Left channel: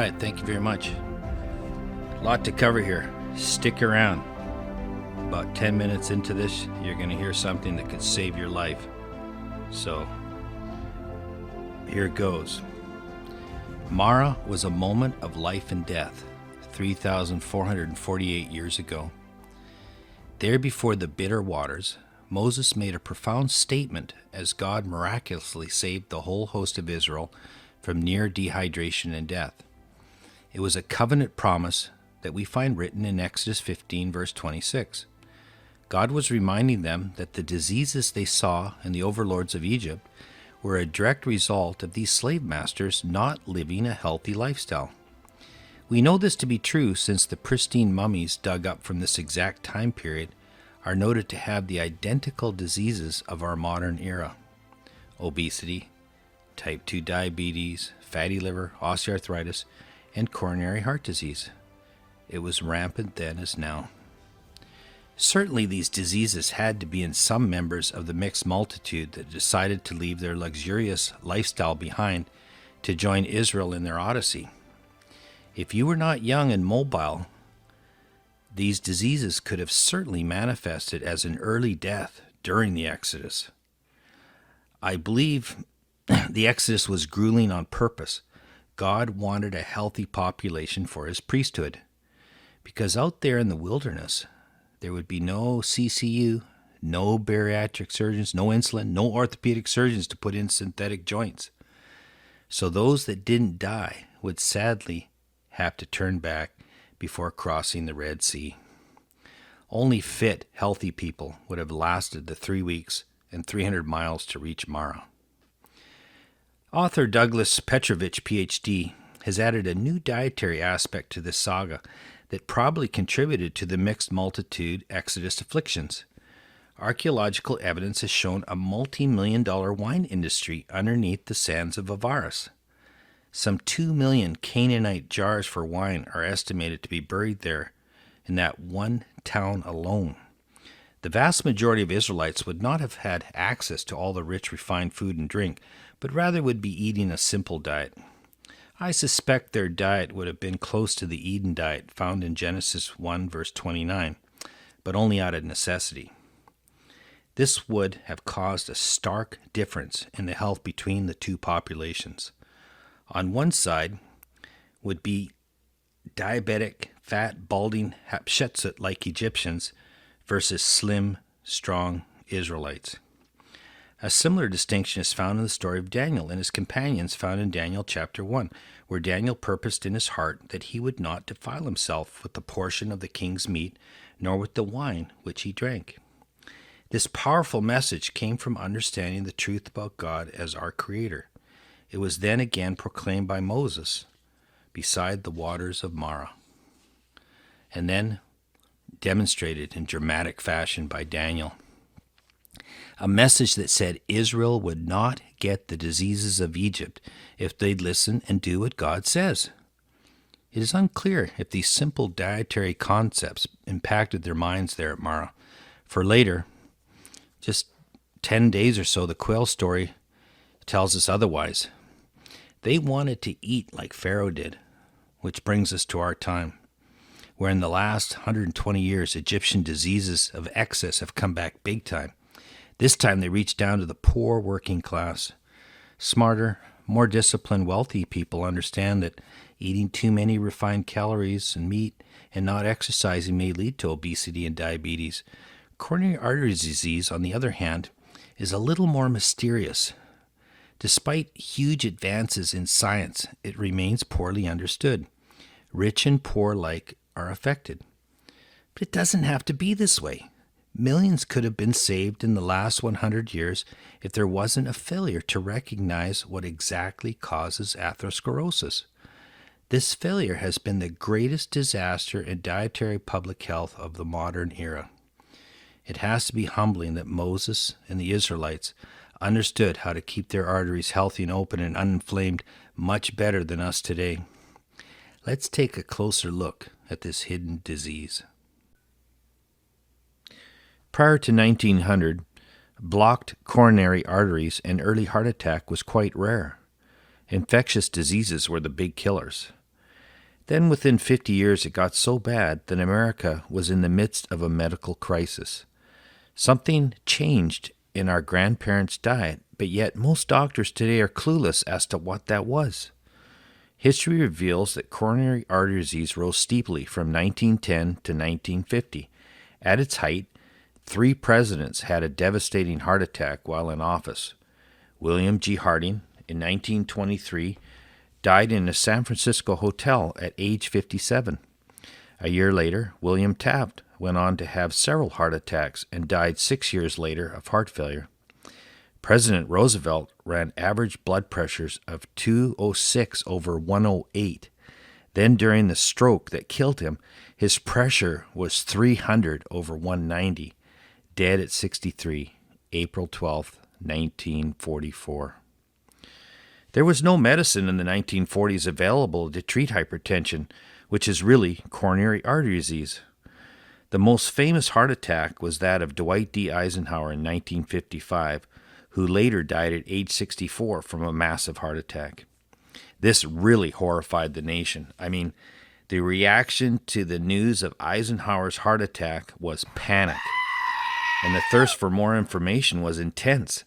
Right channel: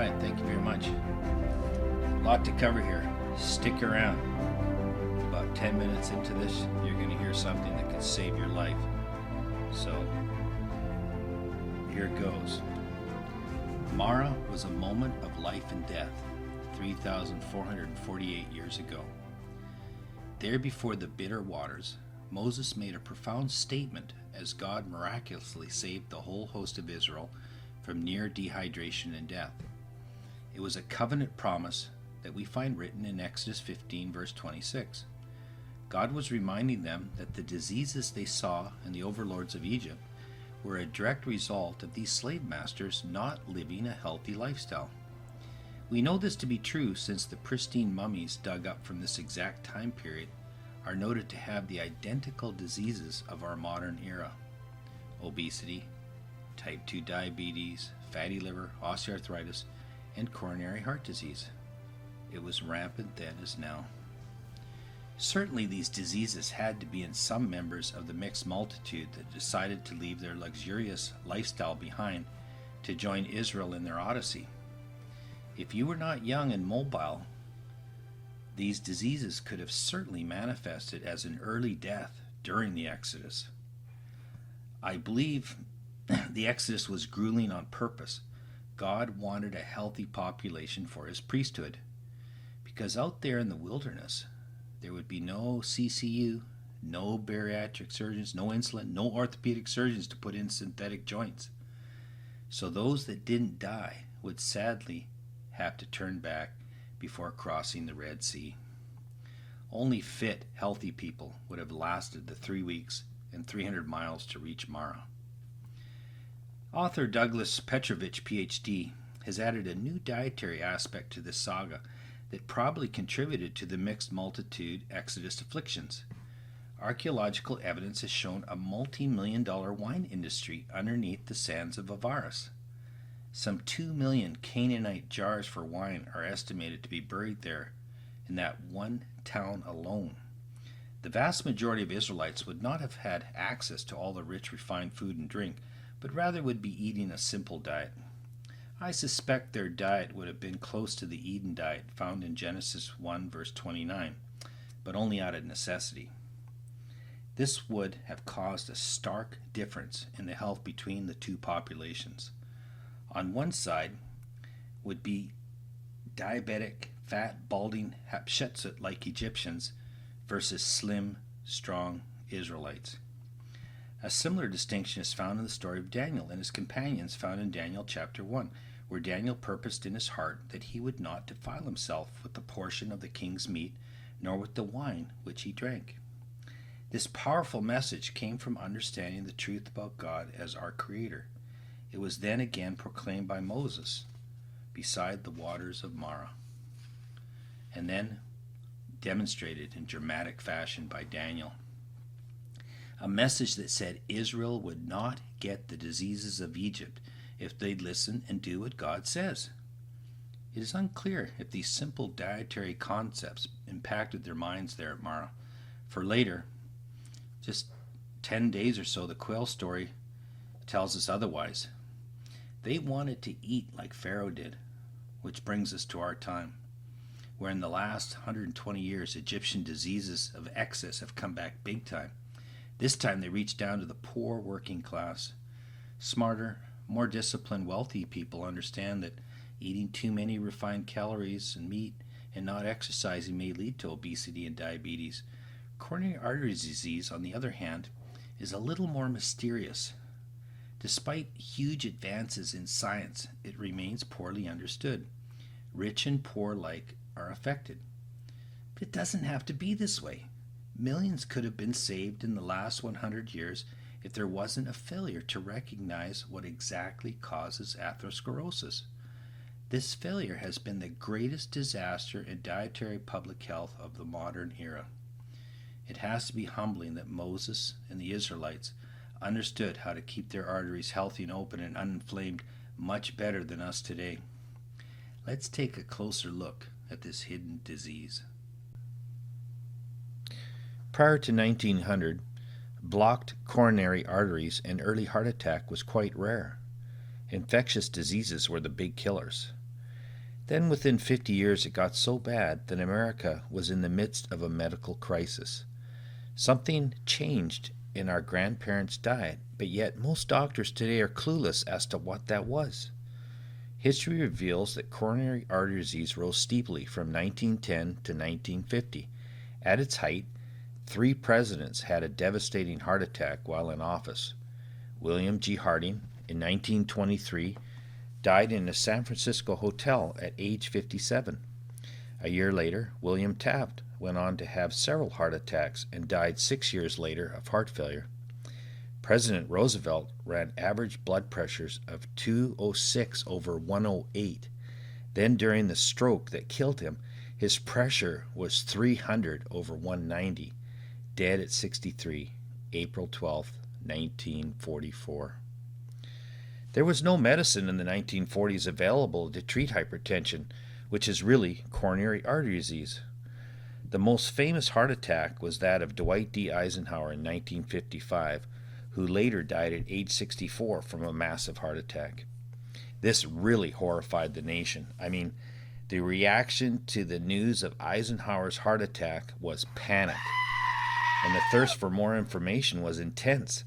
right, thank you very much. A lot to cover here. Stick around. About 10 minutes into this, you're going to hear something that could save your life. So, here it goes. Marah was a moment of life and death, 3,448 years ago. There before the bitter waters, Moses made a profound statement as God miraculously saved the whole host of Israel from near dehydration and death. It was a covenant promise that we find written in Exodus 15, verse 26. God was reminding them that the diseases they saw in the overlords of Egypt were a direct result of these slave masters not living a healthy lifestyle. We know this to be true since the pristine mummies dug up from this exact time period are noted to have the identical diseases of our modern era: obesity, type 2 diabetes, fatty liver, osteoarthritis, and coronary heart disease. It was rampant then as now. Certainly these diseases had to be in some members of the mixed multitude that decided to leave their luxurious lifestyle behind to join Israel in their odyssey. If you were not young and mobile, these diseases could have certainly manifested as an early death during the Exodus. I believe the Exodus was grueling on purpose. God wanted a healthy population for his priesthood, because out there in the wilderness, there would be no CCU, no bariatric surgeons, no insulin, no orthopedic surgeons to put in synthetic joints. So those that didn't die would sadly have to turn back before crossing the Red Sea. Only fit, healthy people would have lasted the 3 weeks and 300 miles to reach Marah. Author Douglas Petrovich, Ph.D., has added a new dietary aspect to this saga that probably contributed to the mixed multitude Exodus afflictions. Archaeological evidence has shown a multi-million-dollar wine industry underneath the sands of Avaris. Some 2 million Canaanite jars for wine are estimated to be buried there in that one town alone. The vast majority of Israelites would not have had access to all the rich, refined food and drink, but rather would be eating a simple diet. I suspect their diet would have been close to the Eden diet found in Genesis 1, verse 29, but only out of necessity. This would have caused a stark difference in the health between the two populations. On one side would be diabetic, fat, balding Hatshepsut-like Egyptians versus slim, strong Israelites. A similar distinction is found in the story of Daniel and his companions found in Daniel chapter 1, where Daniel purposed in his heart that he would not defile himself with the portion of the king's meat, nor with the wine which he drank. This powerful message came from understanding the truth about God as our Creator. It was then again proclaimed by Moses beside the waters of Marah, and then demonstrated in dramatic fashion by Daniel. A message that said Israel would not get the diseases of Egypt if they'd listen and do what God says. It is unclear if these simple dietary concepts impacted their minds there at Marah, for later, just 10 days or so, the quail story tells us otherwise. They wanted to eat like Pharaoh did, which brings us to our time, where in the last 120 years, Egyptian diseases of excess have come back big time. This time they reach down to the poor working class. Smarter, more disciplined, wealthy people understand that eating too many refined calories and meat and not exercising may lead to obesity and diabetes. Coronary artery disease, on the other hand, is a little more mysterious. Despite huge advances in science, it remains poorly understood. Rich and poor alike are affected. But it doesn't have to be this way. Millions could have been saved in the last 100 years if there wasn't a failure to recognize what exactly causes atherosclerosis. This failure has been the greatest disaster in dietary public health of the modern era. It has to be humbling that Moses and the Israelites understood how to keep their arteries healthy and open and uninflamed much better than us today. Let's take a closer look at this hidden disease. Prior to 1900, blocked coronary arteries and early heart attack was quite rare. Infectious diseases were the big killers. Then within 50 years it got so bad that America was in the midst of a medical crisis. Something changed in our grandparents' diet, but yet most doctors today are clueless as to what that was. History reveals that coronary artery disease rose steeply from 1910 to 1950. At its height, 3 presidents had a devastating heart attack while in office. William G. Harding, in 1923, died in a San Francisco hotel at age 57. A year later, William Taft went on to have several heart attacks and died 6 years later of heart failure. President Roosevelt ran average blood pressures of 206 over 108. Then during the stroke that killed him, his pressure was 300 over 190. Dead at 63, April 12, 1944. There was no medicine in the 1940s available to treat hypertension, which is really coronary artery disease. The most famous heart attack was that of Dwight D. Eisenhower in 1955, who later died at age 64 from a massive heart attack. This really horrified the nation. I mean, the reaction to the news of Eisenhower's heart attack was panic, and the thirst for more information was intense.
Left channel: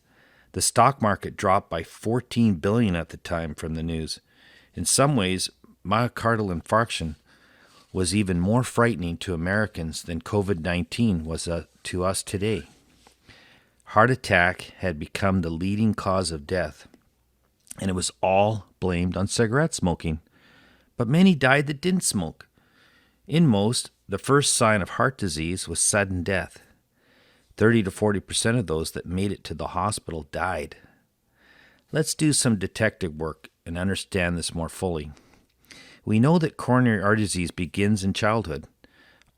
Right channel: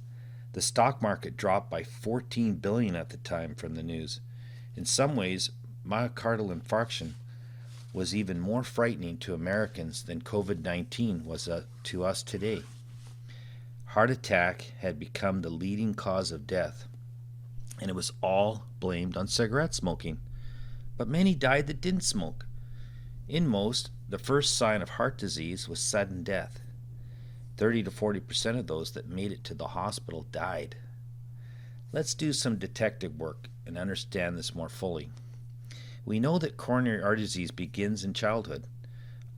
The stock market dropped by $14 billion at the time from the news. In some ways, myocardial infarction was even more frightening to Americans than COVID-19 was to us today. Heart attack had become the leading cause of death, and it was all blamed on cigarette smoking. But many died that didn't smoke. In most, the first sign of heart disease was sudden death. 30 to 40% of those that made it to the hospital died. Let's do some detective work and understand this more fully. We know that coronary artery disease begins in childhood.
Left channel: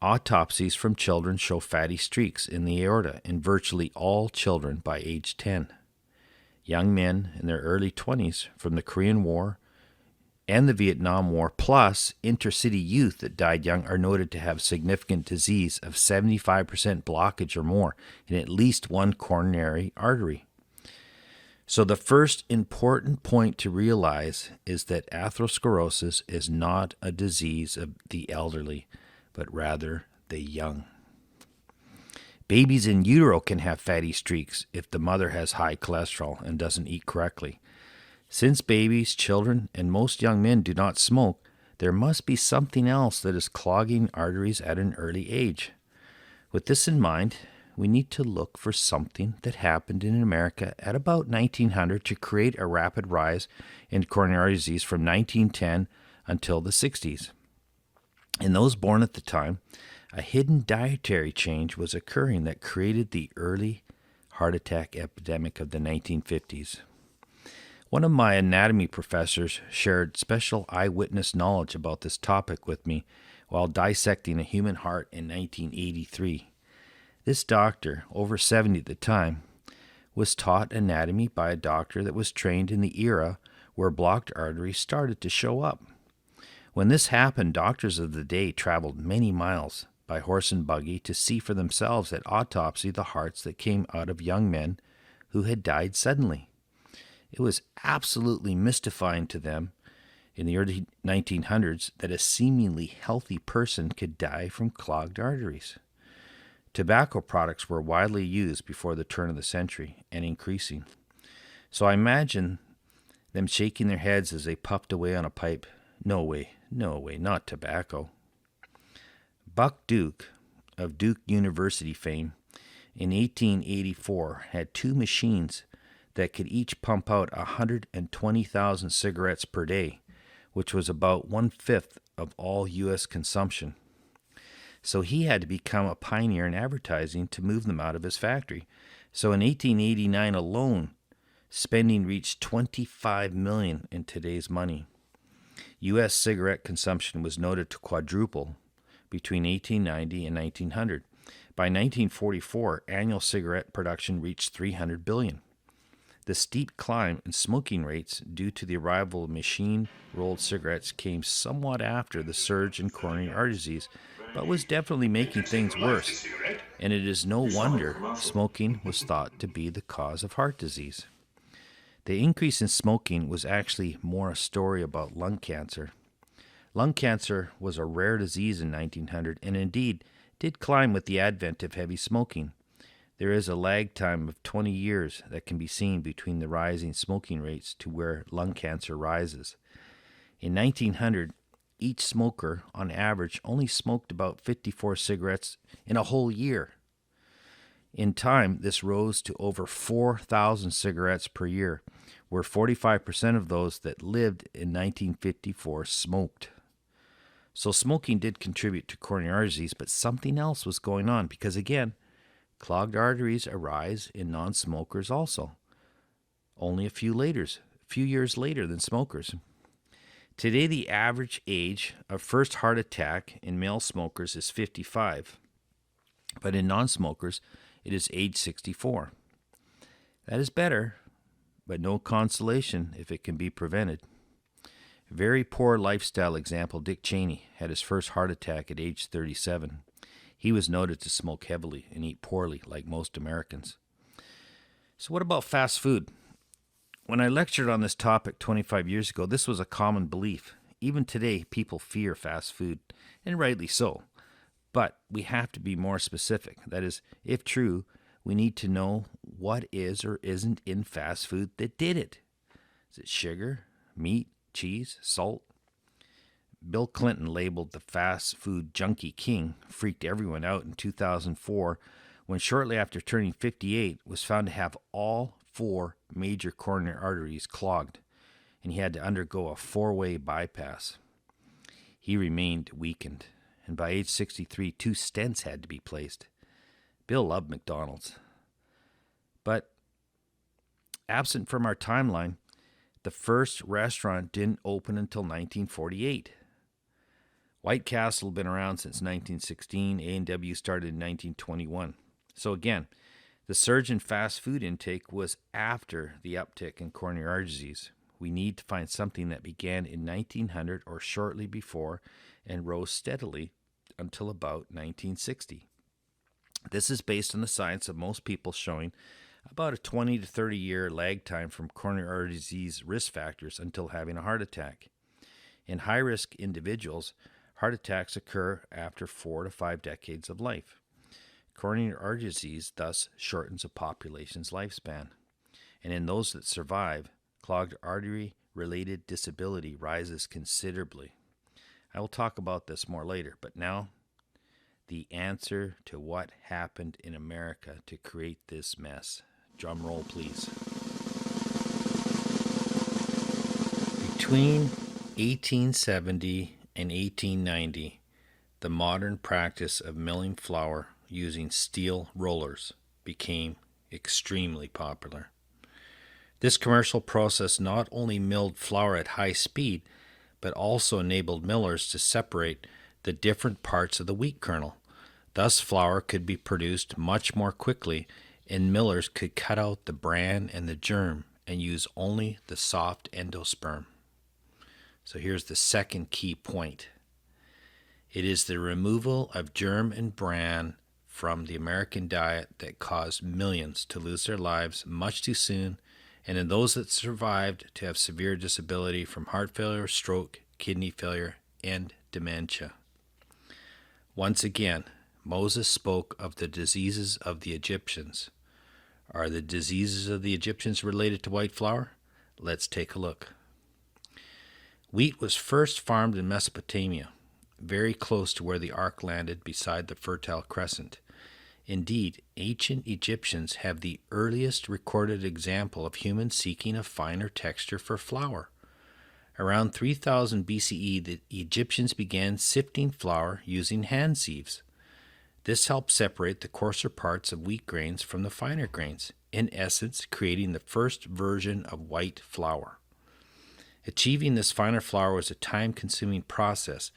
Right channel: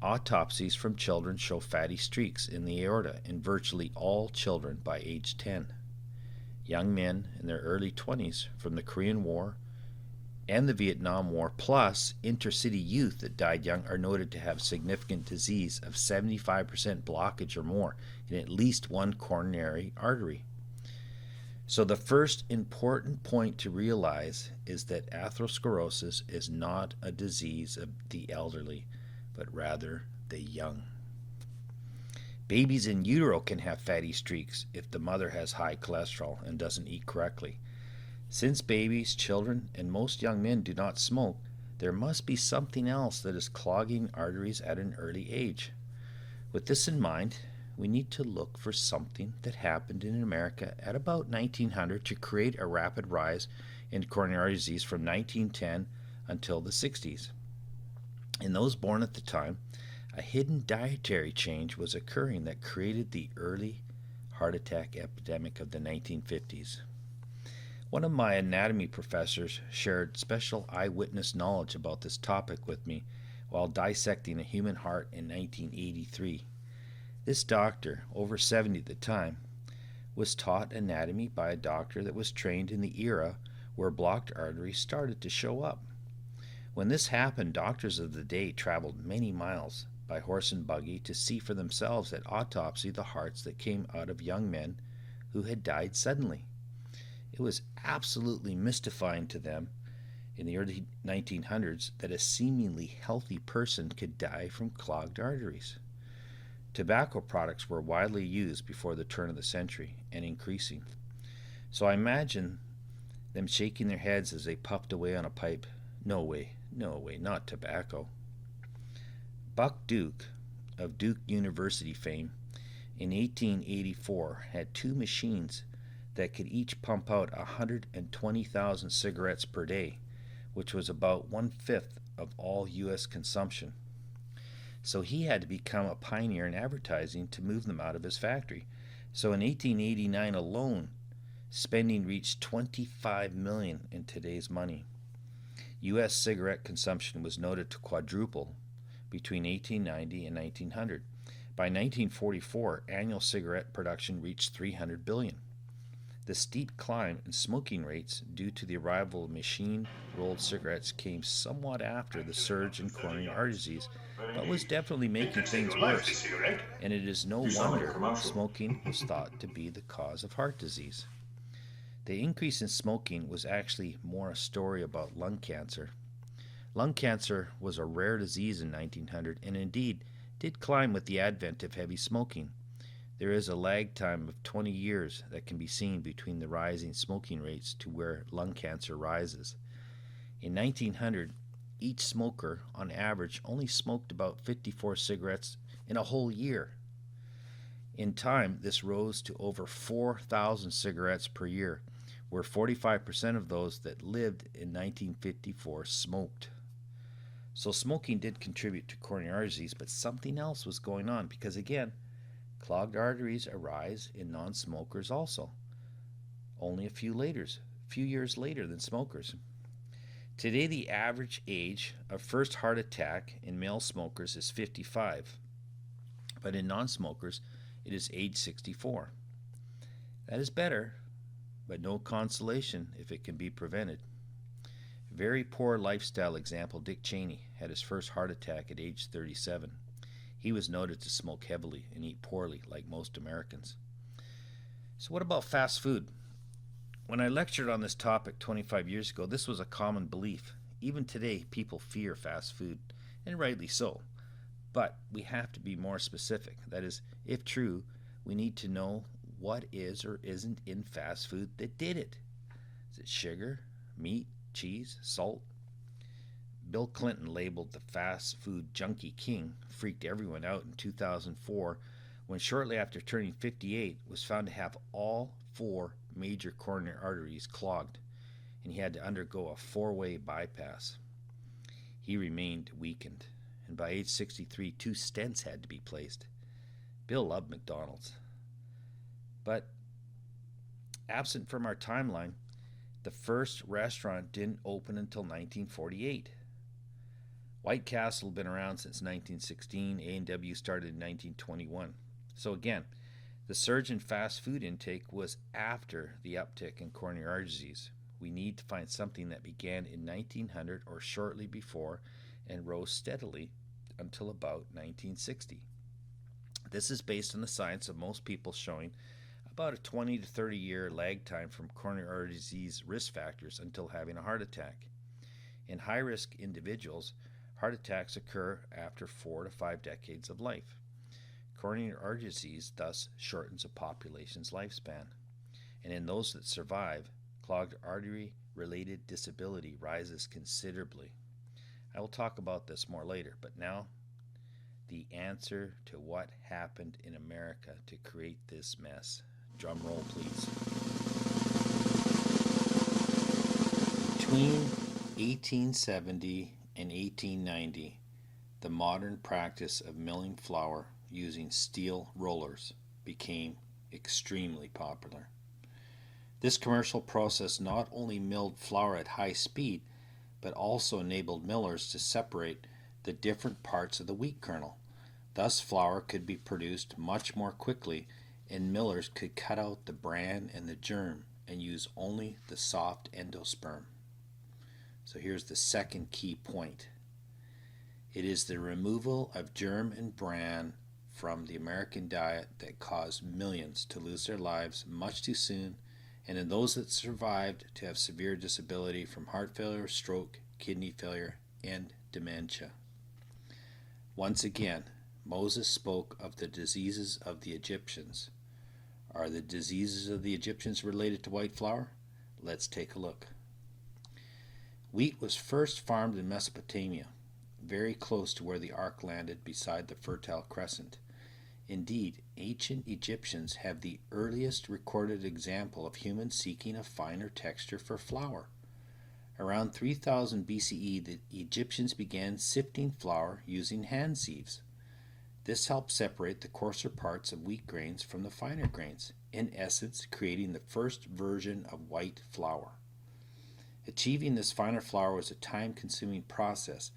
Autopsies from children show fatty streaks in the aorta in virtually all children by age 10. Young men in their early 20s from the Korean War and the Vietnam War, plus intercity youth that died young, are noted to have significant disease of 75% blockage or more in at least one coronary artery. So the first important point to realize is that atherosclerosis is not a disease of the elderly, but rather the young. Babies in utero can have fatty streaks if the mother has high cholesterol and doesn't eat correctly. Since babies, children, and most young men do not smoke, there must be something else that is clogging arteries at an early age. With this in mind, we need to look for something that happened in America at about 1900 to create a rapid rise in coronary artery disease from 1910 until the 60s. In those born at the time, a hidden dietary change was occurring that created the early heart attack epidemic of the 1950s. One of my anatomy professors shared special eyewitness knowledge about this topic with me while dissecting a human heart in 1983. This doctor, over 70 at the time, was taught anatomy by a doctor that was trained in the era where blocked arteries started to show up. When this happened, doctors of the day traveled many miles by horse and buggy to see for themselves at autopsy the hearts that came out of young men who had died suddenly. It was absolutely mystifying to them in the early 1900s that a seemingly healthy person could die from clogged arteries. Tobacco products were widely used before the turn of the century and increasing. So I imagine them shaking their heads as they puffed away on a pipe. No way, not tobacco. Buck Duke of Duke University fame in 1884 had 2 machines that could each pump out 120,000 cigarettes per day, which was about 1/5 of all U.S. consumption. So he had to become a pioneer in advertising to move them out of his factory. So in 1889 alone, spending reached $25 million in today's money. U.S. cigarette consumption was noted to quadruple between 1890 and 1900. By 1944, annual cigarette production reached 300 billion. The steep climb in smoking rates due to the arrival of machine-rolled cigarettes came somewhat after the surge in coronary artery disease, but was definitely making things worse, and it is no wonder smoking was thought to be the cause of heart disease. The increase in smoking was actually more a story about lung cancer. Lung cancer was a rare disease in 1900 and indeed did climb with the advent of heavy smoking. There is a lag time of 20 years that can be seen between the rising smoking rates to where lung cancer rises. In 1900, each smoker, on average, only smoked about 54 cigarettes in a whole year. In time, this rose to over 4,000 cigarettes per year, where 45% of those that lived in 1954 smoked. So smoking did contribute to coronary artery disease, but something else was going on because, again, clogged arteries arise in non-smokers also, only a few years later than smokers. Today, the average age of first heart attack in male smokers is 55, but in non-smokers, it is age 64. That is better, but no consolation if it can be prevented. Very poor lifestyle example, Dick Cheney had his first heart attack at age 37. He was noted to smoke heavily and eat poorly like most Americans. So what about fast food? When I lectured on this topic 25 years ago, this was a common belief. Even today, people fear fast food, and rightly so. But we have to be more specific. That is, if true, we need to know what is or isn't in fast food that did it. Is it sugar, meat, cheese, salt? Bill Clinton, labeled the fast food junkie king, freaked everyone out in 2004 when shortly after turning 58 was found to have all 4 major coronary arteries clogged, and he had to undergo a 4-way bypass. He remained weakened, and by age 63, 2 stents had to be placed. Bill loved McDonald's. But absent from our timeline, the first restaurant didn't open until 1948. White Castle had been around since 1916. A&W started in 1921. So again, the surge in fast food intake was after the uptick in coronary artery disease. We need to find something that began in 1900 or shortly before and rose steadily until about 1960. This is based on the science of most people showing about a 20 to 30 year lag time from coronary artery disease risk factors until having a heart attack. In high-risk individuals, heart attacks occur after 4 to 5 decades of life. Coronary artery disease thus shortens a population's lifespan. And in those that survive, clogged artery-related disability rises considerably. I will talk about this more later, but now, the answer to what happened in America to create this mess. Drum roll, please. Between 1870 and 1890, the modern practice of milling flour using steel rollers became extremely popular. This commercial process not only milled flour at high speed, but also enabled millers to separate the different parts of the wheat kernel. Thus, flour could be produced much more quickly, and millers could cut out the bran and the germ and use only the soft endosperm. So here's the second key point. It is the removal of germ and bran from the American diet that caused millions to lose their lives much too soon, and in those that survived to have severe disability from heart failure, stroke, kidney failure, and dementia. Once again, Moses spoke of the diseases of the Egyptians. Are the diseases of the Egyptians related to white flour? Let's take a look. Wheat was first farmed in Mesopotamia, very close to where the ark landed beside the Fertile Crescent. Indeed, ancient Egyptians have the earliest recorded example of humans seeking a finer texture for flour. Around 3000 BCE, the Egyptians began sifting flour using hand sieves. This helped separate the coarser parts of wheat grains from the finer grains, in essence creating the first version of white flour. Achieving this finer flour was a time-consuming process,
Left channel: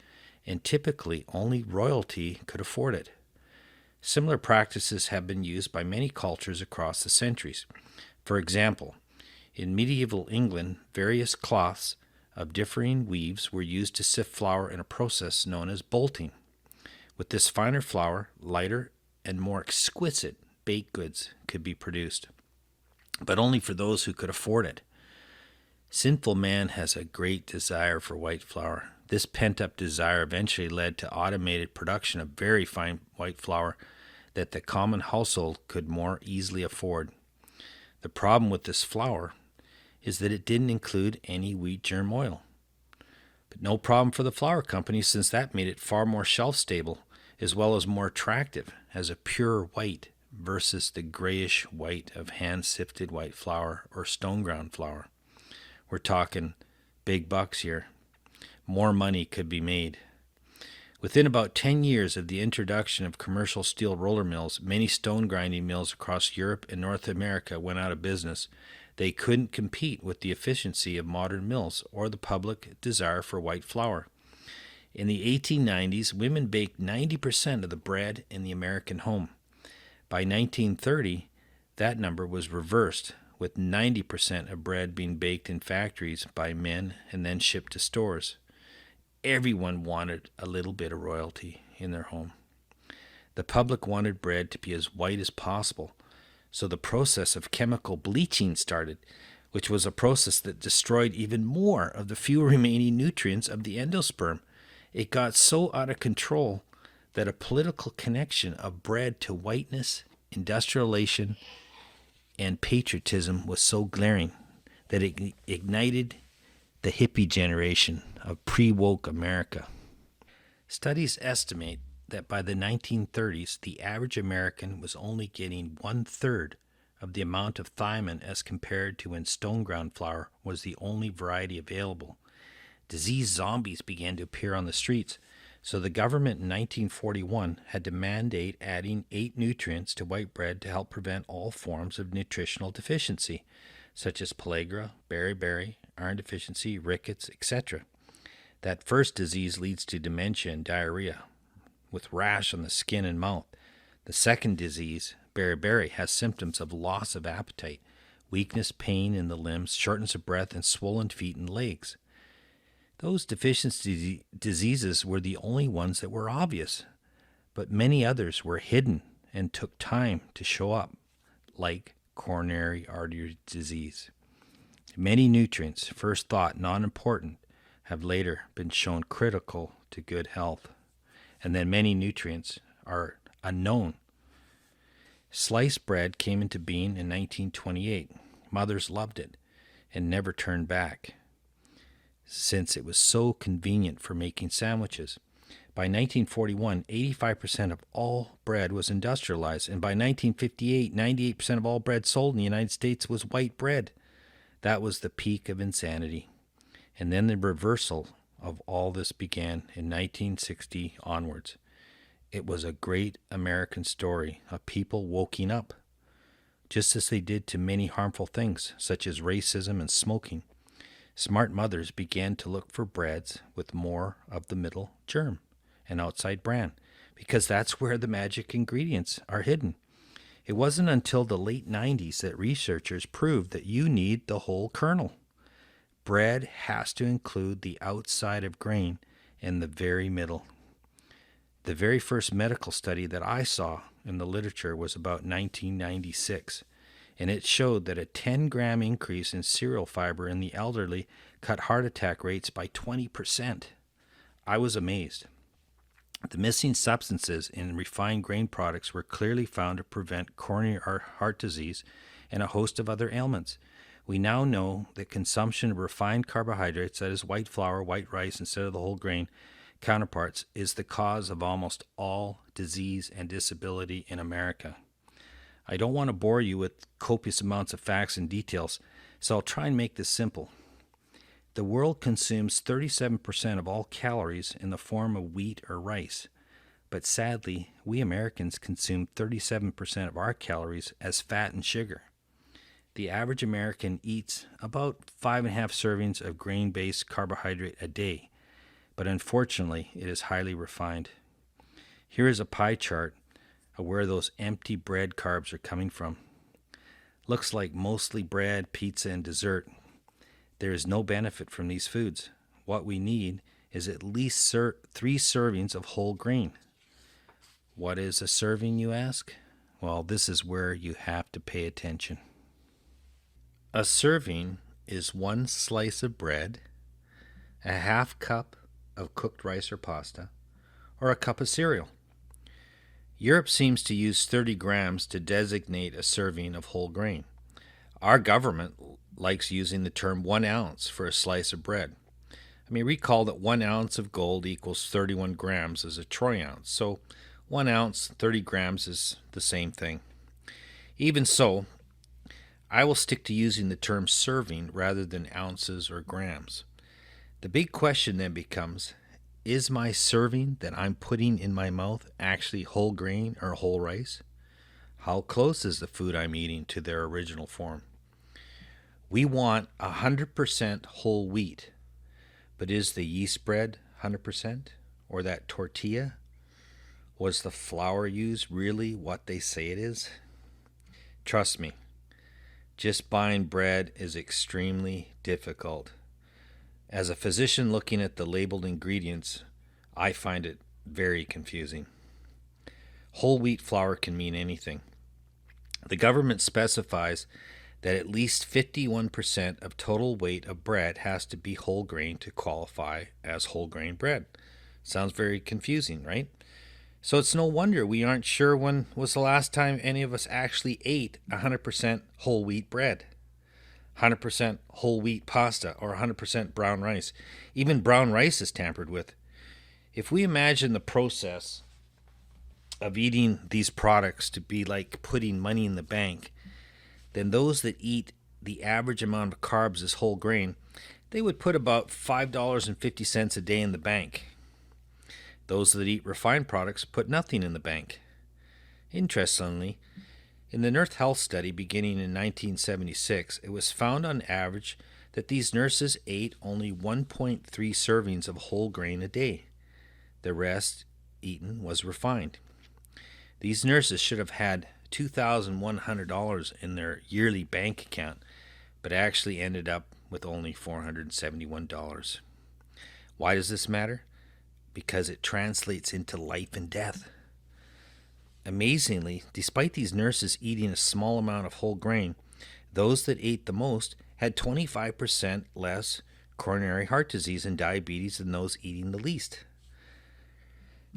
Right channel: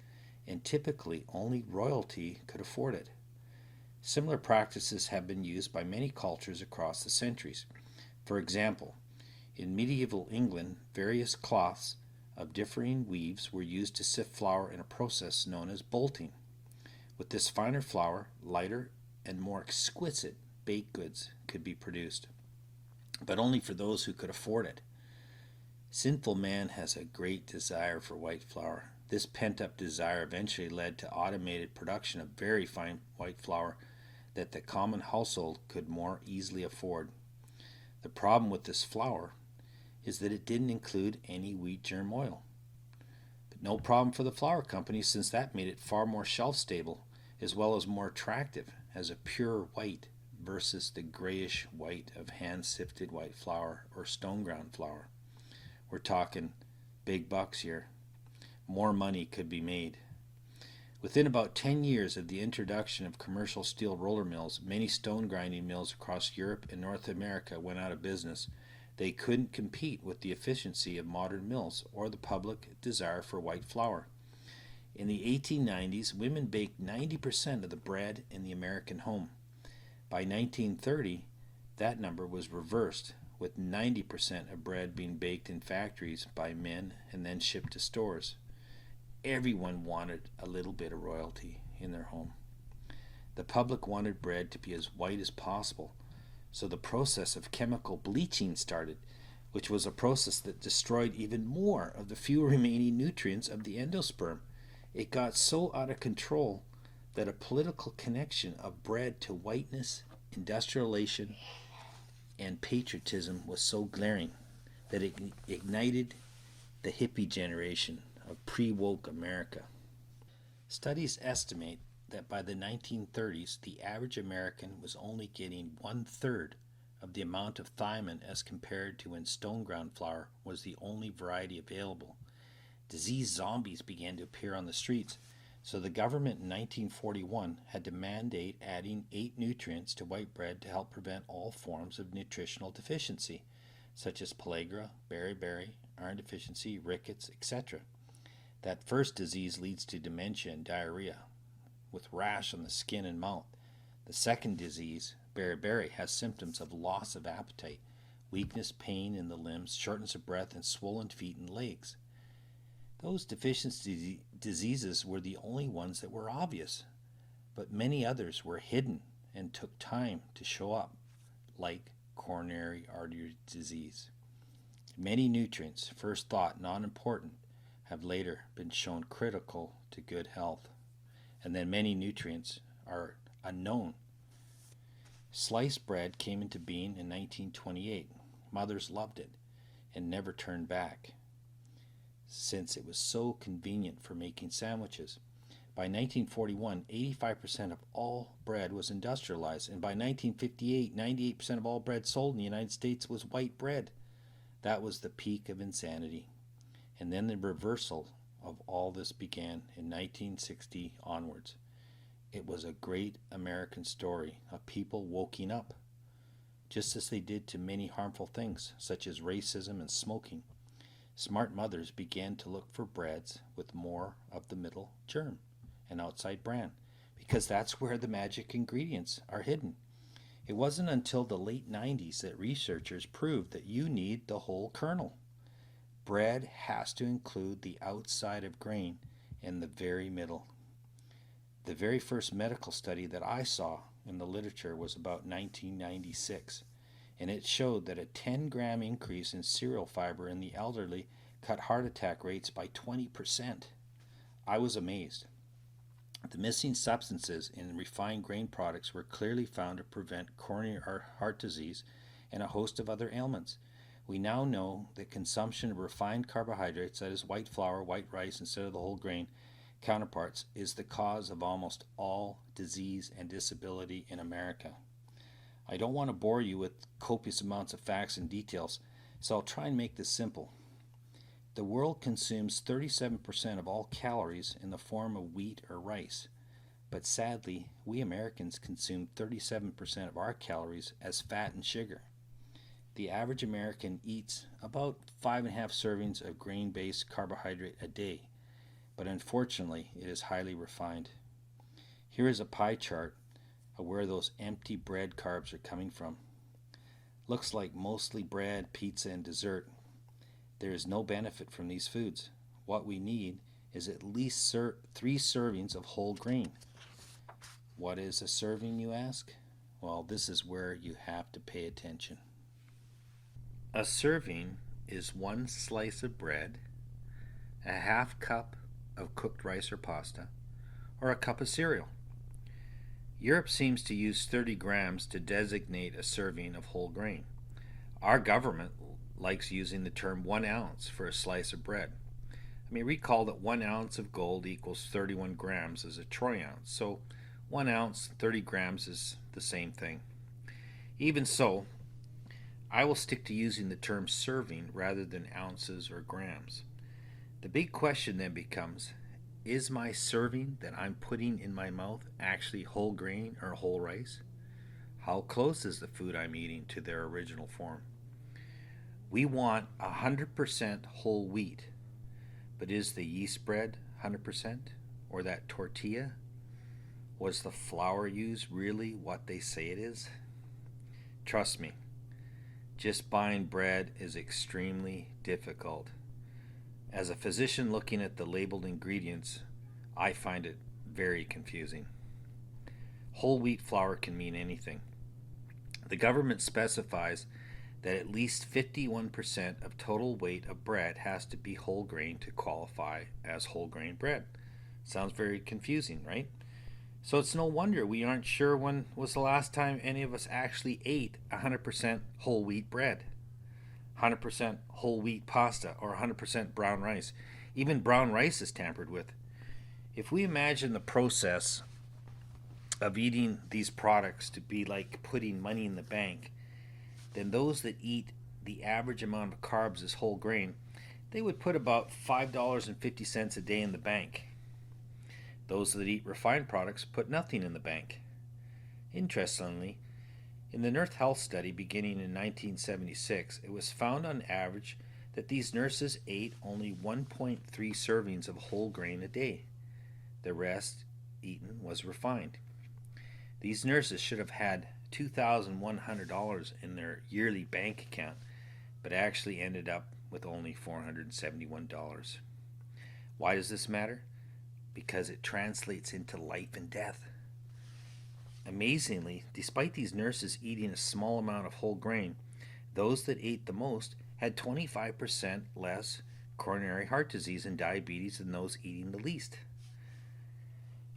and typically only royalty could afford it. Similar practices have been used by many cultures across the centuries. For example, in medieval England, various cloths of differing weaves were used to sift flour in a process known as bolting. With this finer flour, lighter and more exquisite baked goods could be produced, but only for those who could afford it. Sinful man has a great desire for white flour. This pent-up desire eventually led to automated production of very fine white flour that the common household could more easily afford. The problem with this flour is that it didn't include any wheat germ oil. But no problem for the flour company, since that made it far more shelf-stable as well as more attractive as a pure white versus the grayish white of hand-sifted white flour or stone-ground flour. We're talking big bucks here. More money could be made. Within about 10 years of the introduction of commercial steel roller mills, many stone grinding mills across Europe and North America went out of business. They couldn't compete with the efficiency of modern mills or the public desire for white flour. In the 1890s, women baked 90% of the bread in the American home. By 1930, that number was reversed, with 90% of bread being baked in factories by men and then shipped to stores. Everyone wanted a little bit of royalty in their home. The public wanted bread to be as white as possible, so the process of chemical bleaching started, which was a process that destroyed even more of the few remaining nutrients of the endosperm. It got so out of control that a political connection of bread to whiteness, industrialization, and patriotism was so glaring that it ignited the hippie generation of pre-woke America. Studies estimate that by the 1930s, the average American was only getting 1/3 of the amount of thiamine as compared to when stone ground flour was the only variety available. Disease zombies began to appear on the streets, so the government in 1941 had to mandate adding 8 nutrients to white bread to help prevent all forms of nutritional deficiency, such as pellagra, beriberi, iron deficiency, rickets, etc. That first disease leads to dementia and diarrhea, with rash on the skin and mouth. The second disease, beriberi, has symptoms of loss of appetite, weakness, pain in the limbs, shortness of breath, and swollen feet and legs. Those deficiency diseases were the only ones that were obvious, but many others were hidden and took time to show up, like coronary artery disease. Many nutrients, first thought non-important, have later been shown critical to good health. And then many nutrients are unknown. Sliced bread came into being in 1928. Mothers loved it and never turned back, since it was so convenient for making sandwiches. By 1941, 85% of all bread was industrialized, and by 1958, 98% of all bread sold in the United States was white bread. That was the peak of insanity. And then the reversal of all this began in 1960 onwards. It was a great American story of people waking up, just as they did to many harmful things, such as racism and smoking. Smart mothers began to look for breads with more of the middle germ and outside bran, because that's where the magic ingredients are hidden. It wasn't until the late 90s that researchers proved that you need the whole kernel. Bread has to include the outside of grain and the very middle. The very first medical study that I saw in the literature was about 1996, and it showed that a 10-gram increase in cereal fiber in the elderly cut heart attack rates by 20%. I was amazed. The missing substances in refined grain products were clearly found to prevent coronary heart disease and a host of other ailments. We now know that consumption of refined carbohydrates, that is white flour, white rice instead of the whole grain counterparts, is the cause of almost all disease and disability in America. I don't want to bore you with copious amounts of facts and details, so I'll try and make this simple. The world consumes 37% of all calories in the form of wheat or rice, but sadly, we Americans consume 37% of our calories as fat and sugar. The average American eats about 5.5 servings of grain-based carbohydrate a day, but unfortunately, it is highly refined. Here is a pie chart of where those empty bread carbs are coming from. Looks like mostly bread, pizza, and dessert. There is no benefit from these foods. What we need is at least 3 servings of whole grain. What is a serving, you ask? Well, this is where you have to pay attention. A serving is 1 slice of bread, a 1/2 cup of cooked rice or pasta, or a cup of cereal. Europe seems to use 30 grams to designate a serving of whole grain. Our government likes using the term 1 ounce for a slice of bread. Recall that 1 ounce of gold equals 31 grams as a troy ounce, so 1 ounce, 30 grams is the same thing. Even so, I will stick to using the term serving rather than ounces or grams. The big question then becomes, is my serving that I'm putting in my mouth actually whole grain or whole rice? How close is the food I'm eating to their original form? We want 100% whole wheat, but is the yeast bread 100%? Or that tortilla? Was the flour used really what they say it is? Trust me, just buying bread is extremely difficult. As a physician looking at the labeled ingredients, I find it very confusing. Whole wheat flour can mean anything. The government specifies that at least 51% of total weight of bread has to be whole grain to qualify as whole grain bread. Sounds very confusing, right? So it's no wonder we aren't sure when was the last time any of us actually ate 100% whole wheat bread, 100% whole wheat pasta, or 100% brown rice. Even brown rice is tampered with. If we imagine the process of eating these products to be like putting money in the bank, then those that eat the average amount of carbs as whole grain, they would put about $5.50 a day in the bank. Those that eat refined products put nothing in the bank. Interestingly, in the Nurse Health Study beginning in 1976, it was found on average that these nurses ate only 1.3 servings of whole grain a day. The rest eaten was refined. These nurses should have had $2,100 in their yearly bank account, but actually ended up with only $471. Why does this matter? Because it translates into life and death. Amazingly, despite these nurses eating a small amount of whole grain, those that ate the most had 25% less coronary heart disease and diabetes than those eating the least.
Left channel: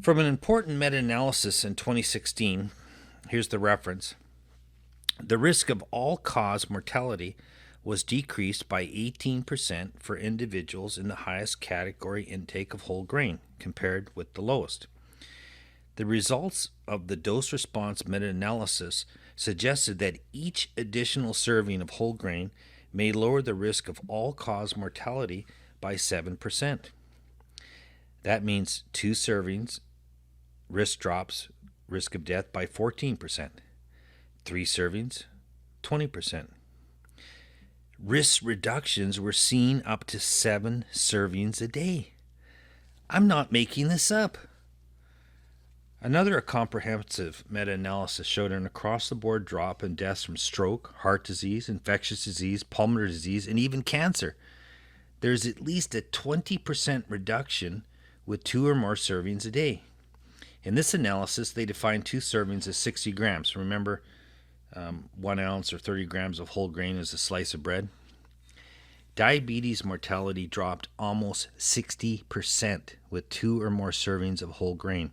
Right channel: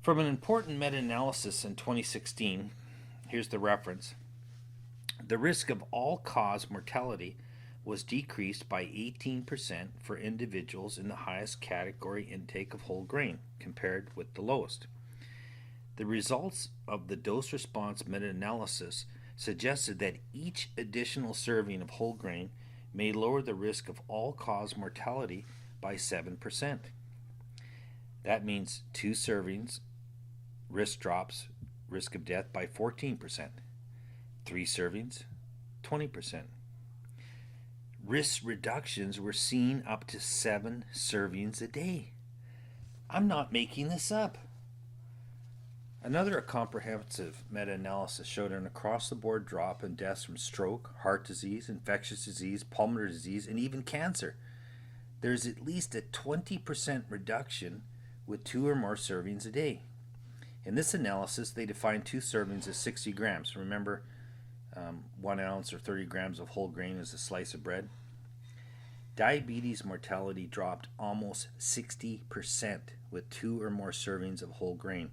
From an important meta-analysis in 2016, here's the reference. The risk of all-cause mortality was decreased by 18% for individuals in the highest category intake of whole grain compared with the lowest. The results of the dose-response meta-analysis suggested that each additional serving of whole grain may lower the risk of all-cause mortality by 7%. That means 2 servings, risk drops risk of death by 14%. 3 servings, 20%. Risk reductions were seen up to 7 servings a day. I'm not making this up. Another comprehensive meta-analysis showed an across-the-board drop in deaths from stroke, heart disease, infectious disease, pulmonary disease, and even cancer. There's at least a 20% reduction with 2 or more servings a day. In this analysis, they defined 2 servings as 60 grams. Remember, 1 ounce or 30 grams of whole grain is a slice of bread. Diabetes mortality dropped almost 60% with 2 or more servings of whole grain.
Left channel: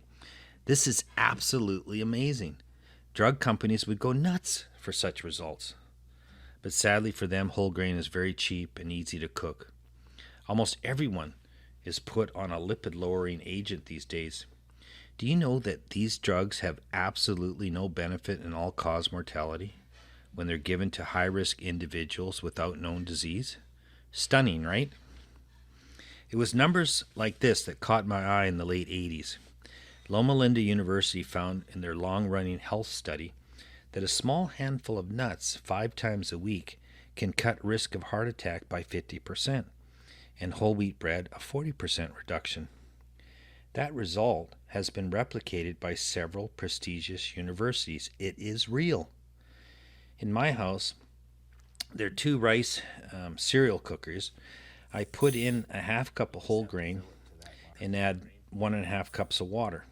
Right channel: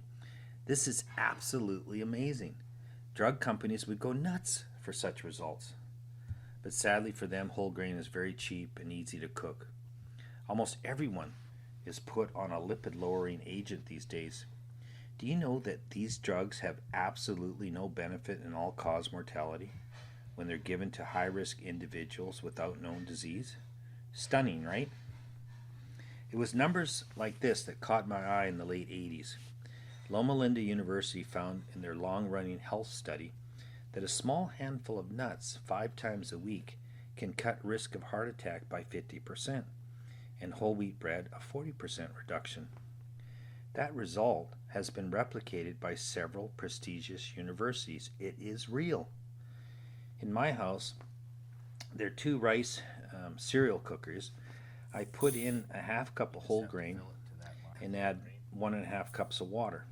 This is absolutely amazing. Drug companies would go nuts for such results. But sadly for them, whole grain is very cheap and easy to cook. Almost everyone is put on a lipid-lowering agent these days. Do you know that these drugs have absolutely no benefit in all-cause mortality when they're given to high-risk individuals without known disease? Stunning, right? It was numbers like this that caught my eye in the late 80s. Loma Linda University found in their long-running health study that a small handful of nuts 5 times a week can cut risk of heart attack by 50%, and whole wheat bread a 40% reduction. That result has been replicated by several prestigious universities. It is real. In my house, there are 2 rice cereal cookers. I put in a half cup of whole grain and add 1.5 cups of water,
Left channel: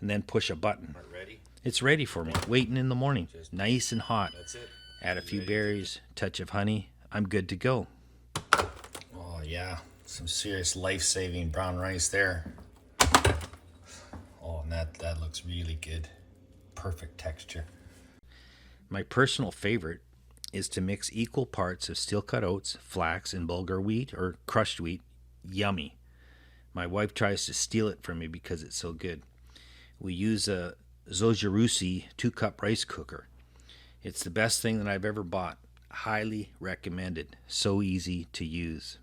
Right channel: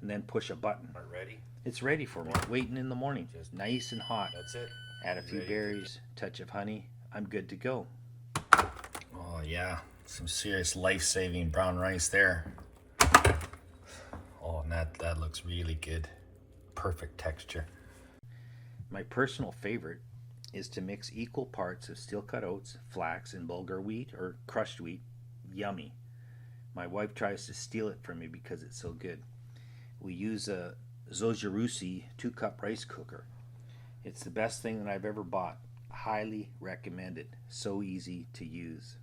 and then push a button. It's ready for me, waiting in the morning, nice and hot. That's it. Add a few berries, touch of honey. I'm good to go. Oh yeah, Some serious life-saving brown rice there. Oh, and that looks really good. Perfect texture. My personal favorite is to mix equal parts of steel-cut oats, flax, and bulgur wheat or crushed wheat. Yummy. My wife tries to steal it from me because it's so good. We use a Zojirusi 2-cup rice cooker. It's the best thing that I've ever bought. Highly recommended. So easy to use.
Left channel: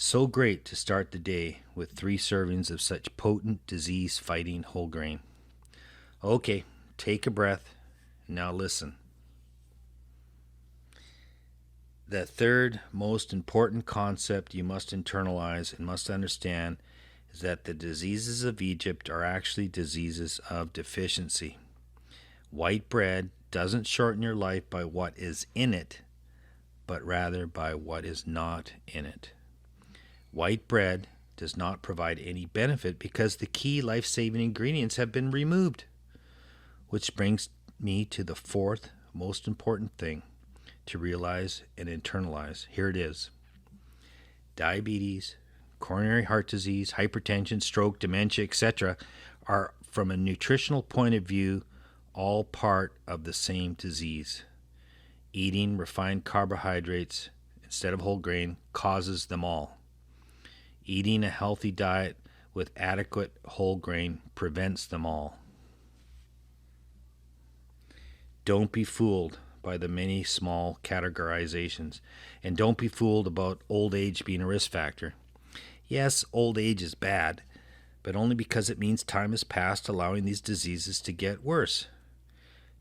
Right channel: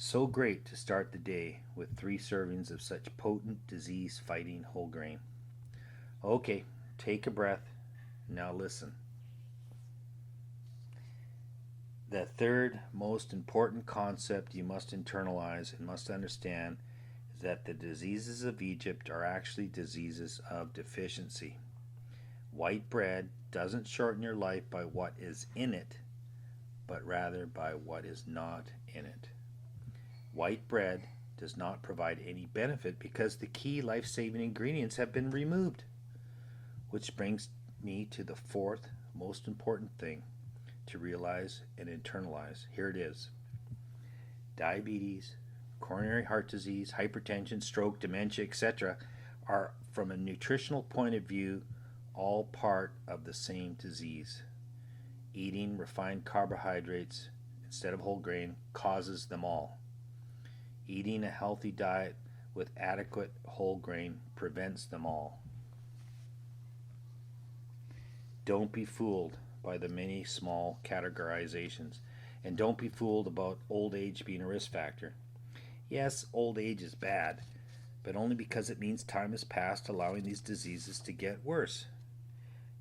So great to start the day with 3 servings of such potent disease-fighting whole grain. Okay, take a breath. Now listen. The third most important concept you must internalize and must understand is that the diseases of Egypt are actually diseases of deficiency. White bread doesn't shorten your life by what is in it, but rather by what is not in it. White bread does not provide any benefit because the key life-saving ingredients have been removed. Which brings me to the fourth most important thing to realize and internalize. Here it is. Diabetes, coronary heart disease, hypertension, stroke, dementia, etc. are, from a nutritional point of view, all part of the same disease. Eating refined carbohydrates instead of whole grain causes them all. Eating a healthy diet with adequate whole grain prevents them all. Don't be fooled by the many small categorizations, and don't be fooled about old age being a risk factor. Yes, old age is bad, but only because it means time has passed, allowing these diseases to get worse.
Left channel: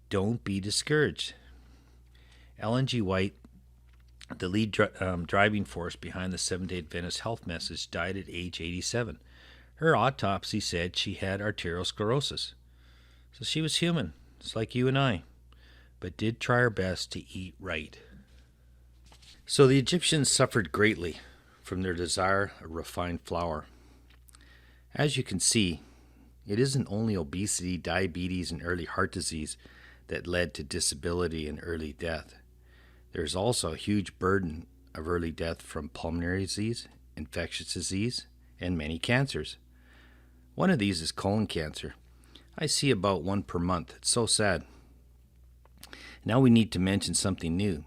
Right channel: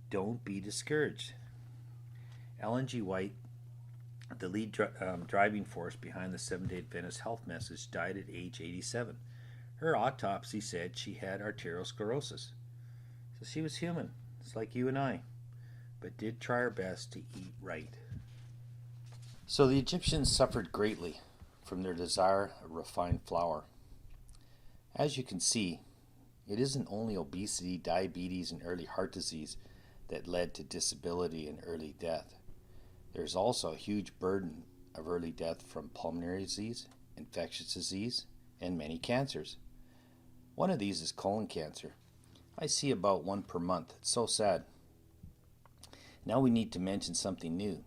Don't be discouraged. Ellen G. White, the lead driving force behind the Seventh-day Adventist health message, died at age 87. Her autopsy said she had arteriosclerosis. So she was human, just like you and I, but did try her best to eat right. So the Egyptians suffered greatly from their desire of refined flour. As you can see, it isn't only obesity, diabetes, and early heart disease that led to disability and early death. There's also a huge burden of early death from pulmonary disease, infectious disease, and many cancers. One of these is colon cancer. I see about 1 per month. It's so sad. Now we need to mention something new,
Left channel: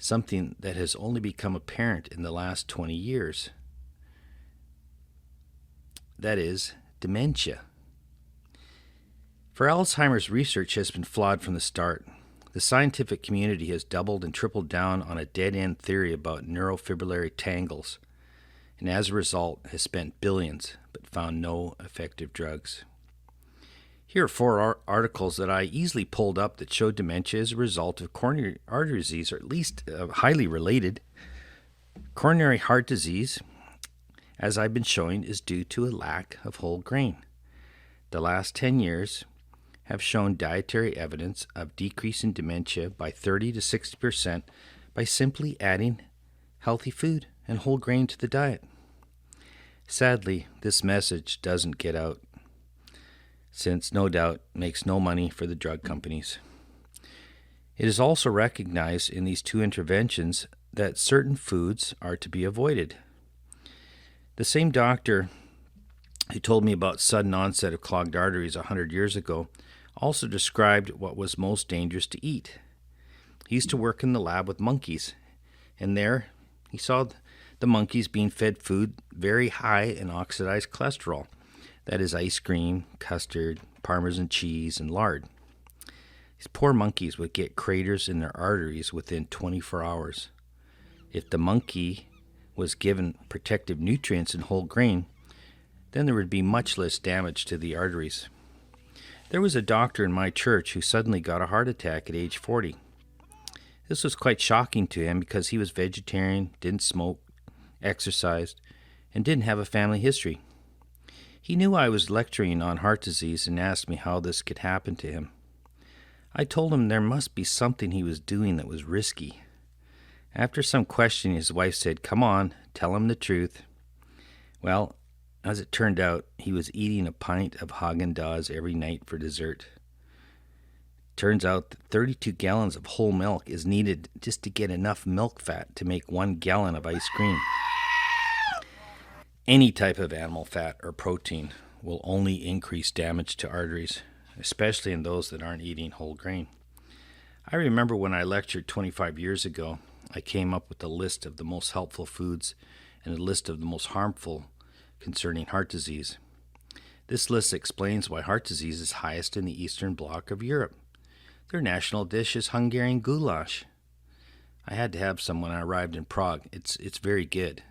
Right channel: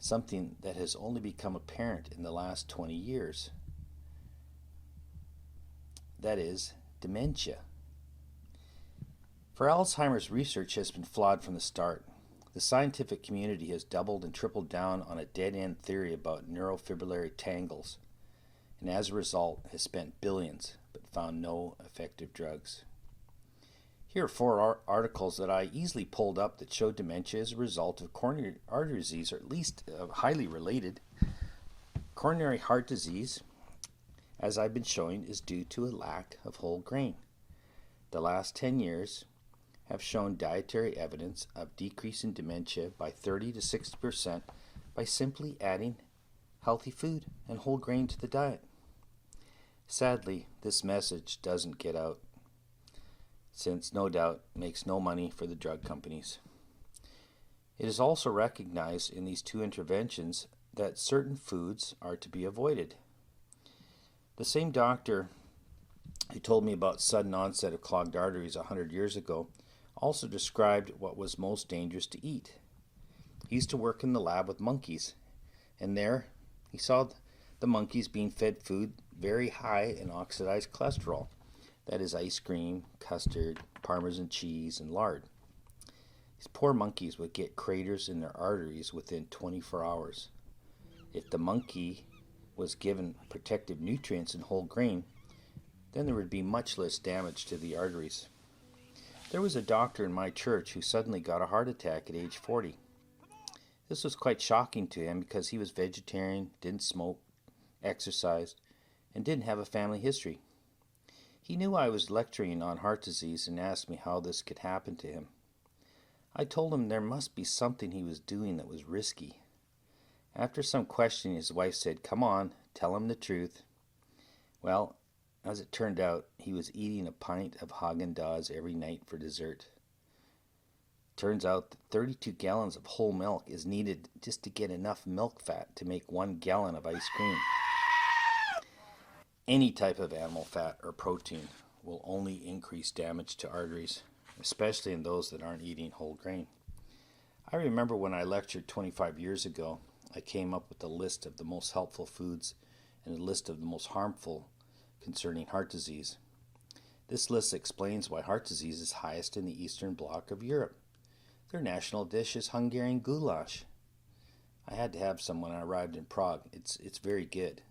something that has only become apparent in the last 20 years. That is dementia. For Alzheimer's, research has been flawed from the start. The scientific community has doubled and tripled down on a dead-end theory about neurofibrillary tangles, and as a result has spent billions but found no effective drugs. Here are 4 articles that I easily pulled up that show dementia as a result of coronary artery disease, or at least highly related. Coronary heart disease, as I've been showing, is due to a lack of whole grain. The last 10 years have shown dietary evidence of decreasing dementia by 30 to 60% by simply adding healthy food and whole grain to the diet. Sadly, this message doesn't get out, since no doubt makes no money for the drug companies. It is also recognized in these 2 interventions that certain foods are to be avoided. The same doctor who told me about sudden onset of clogged arteries 100 years ago also described what was most dangerous to eat. He used to work in the lab with monkeys, and there he saw the monkeys being fed food very high in oxidized cholesterol. That is ice cream, custard, Parmesan cheese, and lard. These poor monkeys would get craters in their arteries within 24 hours. If the monkey was given protective nutrients and whole grain, then there would be much less damage to the arteries. There was a doctor in my church who suddenly got a heart attack at age 40. This was quite shocking to him because he was vegetarian, didn't smoke, exercised, and didn't have a family history. He knew I was lecturing on heart disease and asked me how this could happen to him. I told him there must be something he was doing that was risky. After some questioning, his wife said, "Come on, tell him the truth." Well, as it turned out, he was eating a pint of Haagen-Dazs every night for dessert. Turns out that 32 gallons of whole milk is needed just to get enough milk fat to make 1 gallon of ice cream. Any type of animal fat or protein will only increase damage to arteries, especially in those that aren't eating whole grain. I remember when I lectured 25 years ago, I came up with a list of the most helpful foods and a list of the most harmful concerning heart disease. This list explains why heart disease is highest in the Eastern Bloc of Europe. Their national dish is Hungarian goulash. I had to have some when I arrived in Prague. It's very good.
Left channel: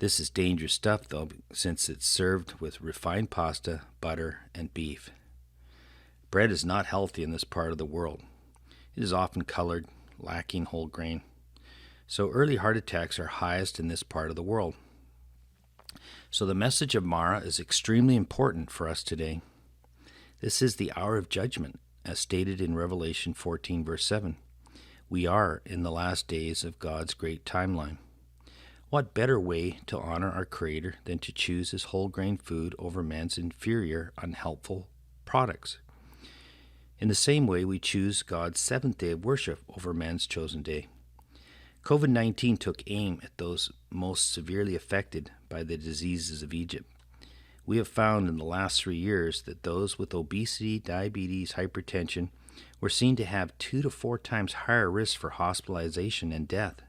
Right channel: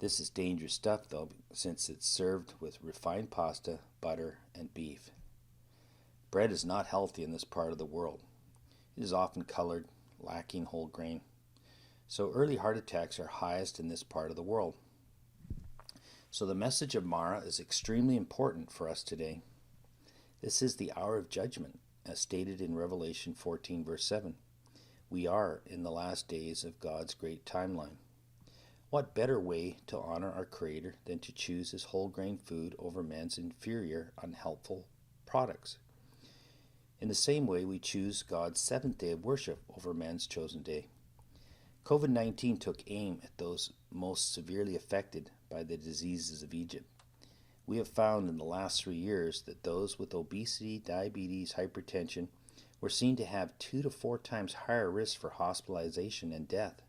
This is dangerous stuff, though, since it's served with refined pasta, butter, and beef. Bread is not healthy in this part of the world. It is often colored, lacking whole grain. So early heart attacks are highest in this part of the world. So the message of Marah is extremely important for us today. This is the hour of judgment, as stated in Revelation 14, verse 7. We are in the last days of God's great timeline. What better way to honor our Creator than to choose His whole grain food over man's inferior, unhelpful products? In the same way, we choose God's seventh day of worship over man's chosen day. COVID-19 took aim at those most severely affected by the diseases of Egypt. We have found in the last 3 years that those with obesity, diabetes, hypertension were seen to have 2 to 4 times higher risk for hospitalization and death.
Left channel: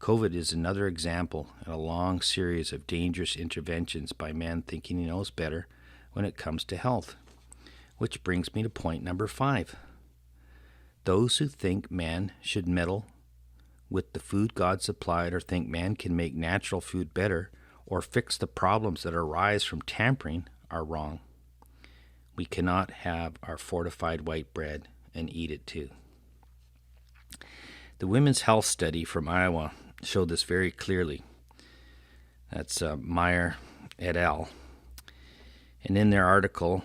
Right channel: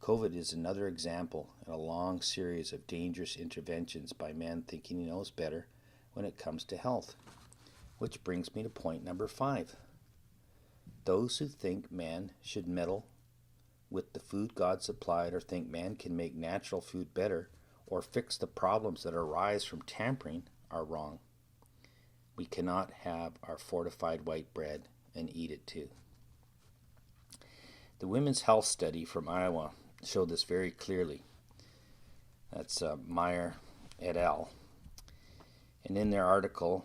COVID is another example in a long series of dangerous interventions by man thinking he knows better when it comes to health. Which brings me to point number 5. Those who think man should meddle with the food God supplied or think man can make natural food better or fix the problems that arise from tampering are wrong. We cannot have our fortified white bread and eat it too. The Women's Health Study from Iowa showed this very clearly. That's Marah et al. And in their article,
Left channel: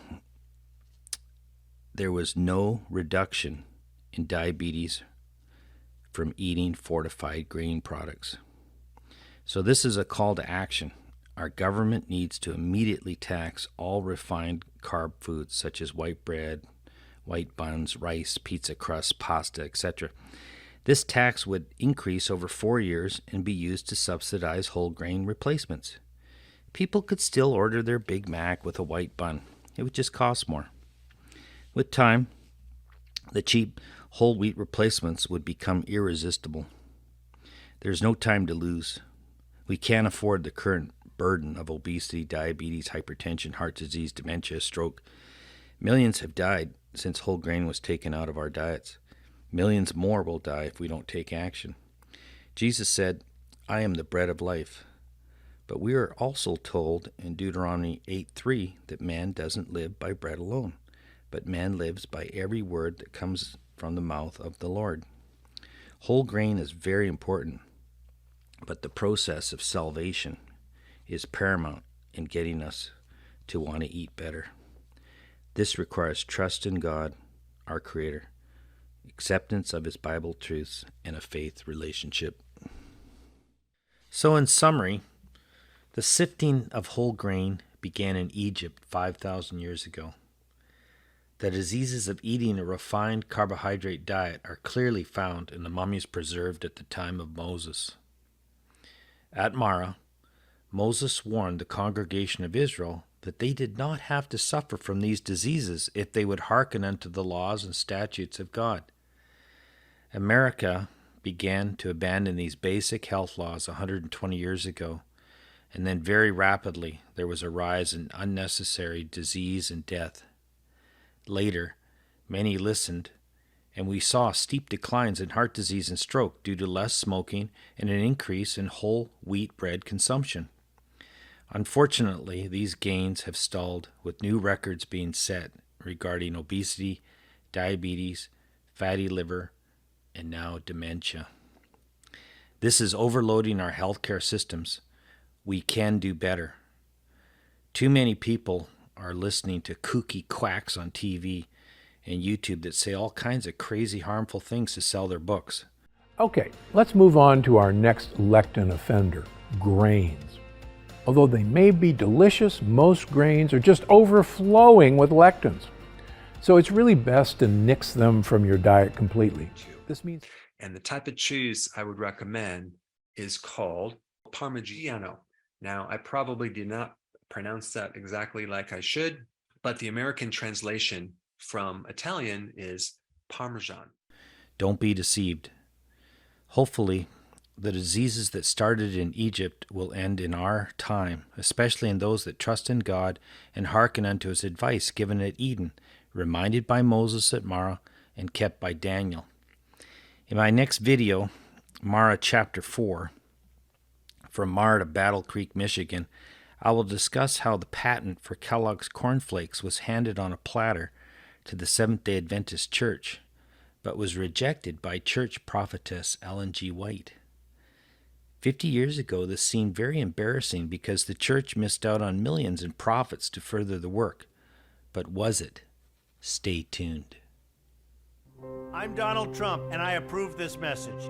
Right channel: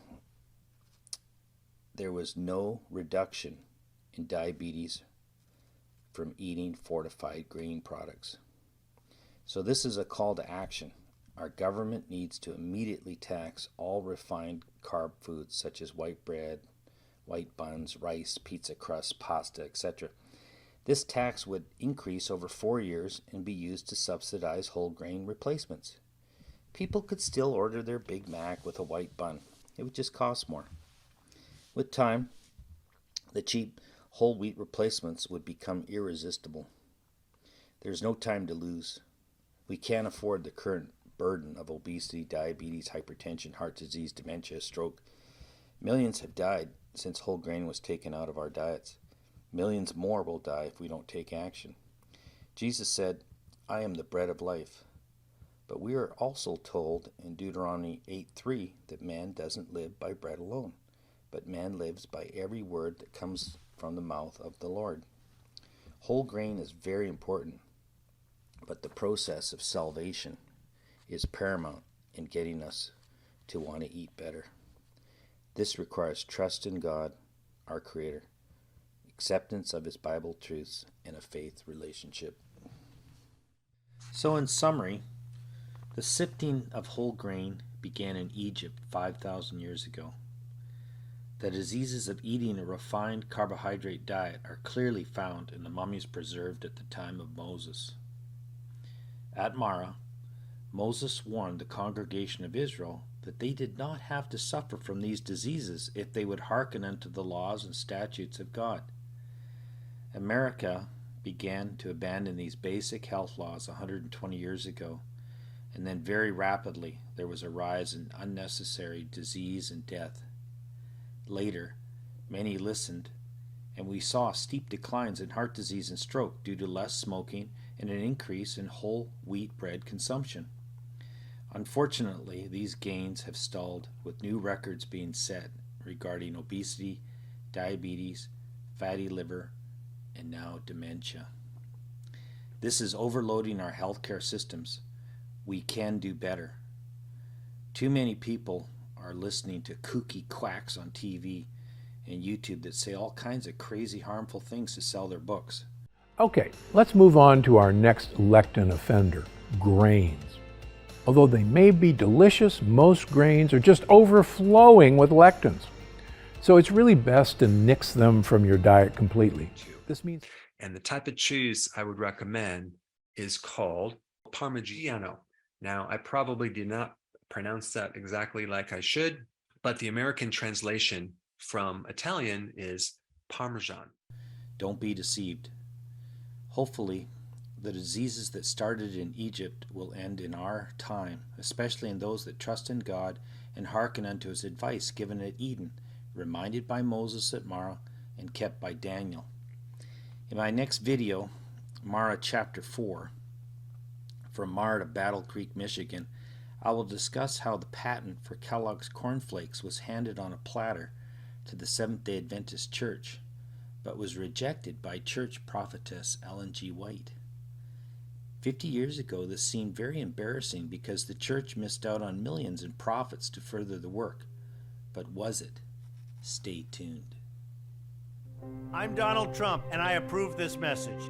there was no reduction in diabetes from eating fortified grain products. So this is a call to action. Our government needs to immediately tax all refined carb foods such as white bread, white buns, rice, pizza crust, pasta, etc. This tax would increase over 4 years and be used to subsidize whole grain replacements. People could still order their Big Mac with a white bun. It would just cost more. With time, the cheap whole wheat replacements would become irresistible. There's no time to lose. We can't afford the current burden of obesity, diabetes, hypertension, heart disease, dementia, stroke. Millions have died since whole grain was taken out of our diets. Millions more will die if we don't take action. Jesus said, I am the bread of life. But we are also told in Deuteronomy 8:3 that man doesn't live by bread alone, but man lives by every word that comes from the mouth of the Lord. Whole grain is very important, but the process of salvation is paramount in getting us to want to eat better. This requires trust in God, our Creator, acceptance of His Bible truths, and a faith relationship. So in summary, the sifting of whole grain began in Egypt 5,000 years ago. The diseases of eating a refined carbohydrate diet are clearly found in the mummies preserved at the time of Moses. At Marah, Moses warned the congregation of Israel that they did not have to suffer from these diseases if they would hearken unto the laws and statutes of God. America began to abandon these basic health laws 120 years ago, and then very rapidly there was a rise in unnecessary disease and death. Later, many listened, and we saw steep declines in heart disease and stroke due to less smoking and an increase in whole wheat bread consumption. Unfortunately, these gains have stalled, with new records being set regarding obesity, diabetes, fatty liver, and now dementia. This is overloading our healthcare systems. We can do better. Too many people are listening to kooky quacks on TV and YouTube that say all kinds of crazy, harmful things to sell their books. Okay, let's move on to our next lectin offender, grains. Although they may be delicious, most grains are just overflowing with lectins. So it's really best to nix them from your diet completely. This means And the type of cheese I would recommend is called Parmigiano. Now, I probably did not pronounce that exactly like I should, but the American translation from Italian is Parmesan. Don't be deceived. Hopefully, the diseases that started in Egypt will end in our time, especially in those that trust in God and hearken unto his advice given at Eden, reminded by Moses at Marah, and kept by Daniel. In my next video, Marah chapter 4, from Marah to Battle Creek, Michigan, I will discuss how the patent for Kellogg's cornflakes was handed on a platter to the Seventh-day Adventist Church, but was rejected by church prophetess Ellen G. White. 50 years ago, this seemed very embarrassing because the church missed out on millions in profits to further the work. But was it? Stay tuned. I'm Donald Trump, and I approve this message.